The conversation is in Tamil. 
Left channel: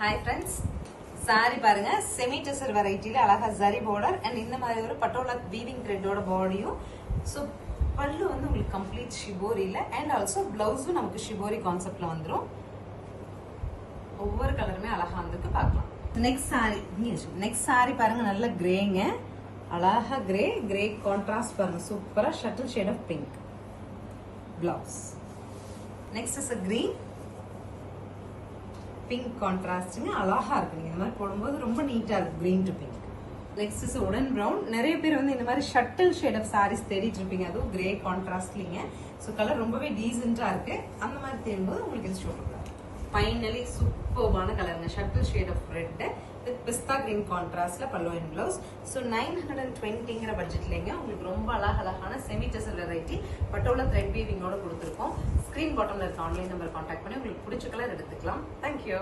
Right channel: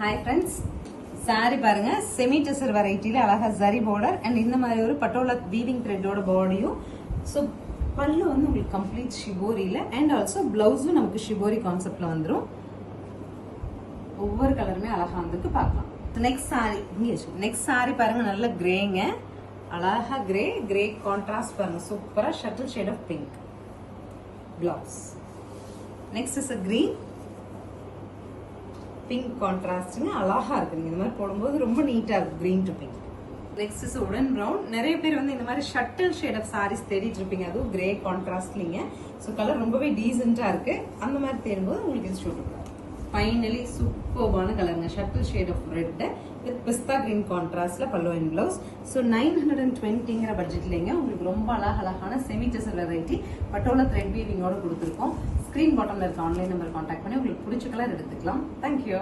Hi friends, saree பாருங்க செமி டெசர் வெரைட்டில அழகா ஜரி border and இந்த மாதிரி ஒரு பட்டோலா வீவிங் த்ரெட்டோட பாடியும். ஸோ பல்லு வந்து உங்களுக்கு கம்ப்ளீட் ஷிபோரியில அண்ட் ஆல்சோ பிளவுஸும் நமக்கு ஷிபோரி கான்செப்ட்ல வந்துடும். ஒவ்வொரு கலருமே அழகா வந்துருக்கு பார்க்கலாம். நெக்ஸ்ட் சாரி பாருங்க, நல்ல கிரேங்க, அழகா கிரே கான்ட்ராஸ்ட் பாருங்க, சூப்பரா shuttle shade of pink blouse. Next is green pink கான்ட்ராஸ்ட்ங்க, அழகா இருக்கு. நீங்க இந்த மாதிரி போடும்போது ரொம்ப நீட்டா இருக்கு, green to pink. Next is wooden brown. நிறைய பேர் வந்து இந்த மாதிரி ஷட்டில் ஷேட் ஆஃப் சாரீஸ் தேடிட்டு இருப்பீங்க, அதுவும் கிரே கான்ட்ராஸ்ட்லிங்க. ஸோ கலர் ரொம்பவே டீசென்டா இருக்கு. அந்த மாதிரி தேடும்போது உங்களுக்கு இது சூட் ஆகும். ஃபைனலி சூப்பர்பான கலருங்க, shuttle shade of red with pista green கான்ட்ராஸ்ட்ல பல்லு அண்ட் பிளவுஸ். ஸோ 920ங்கிற பட்ஜெட்லங்க உங்களுக்கு ரொம்ப அழகான semi tussar variety Patola thread வீவிங்கோட கொடுத்துருக்கோம். ஸ்கிரீன் பாட்டம்ல இருக்க ஆன்லைன் நம்பர் கான்டாக்ட் பண்ணி உங்களுக்கு பிடிச்ச கலர் எடுத்துக்கலாம். தேங்க்யூ.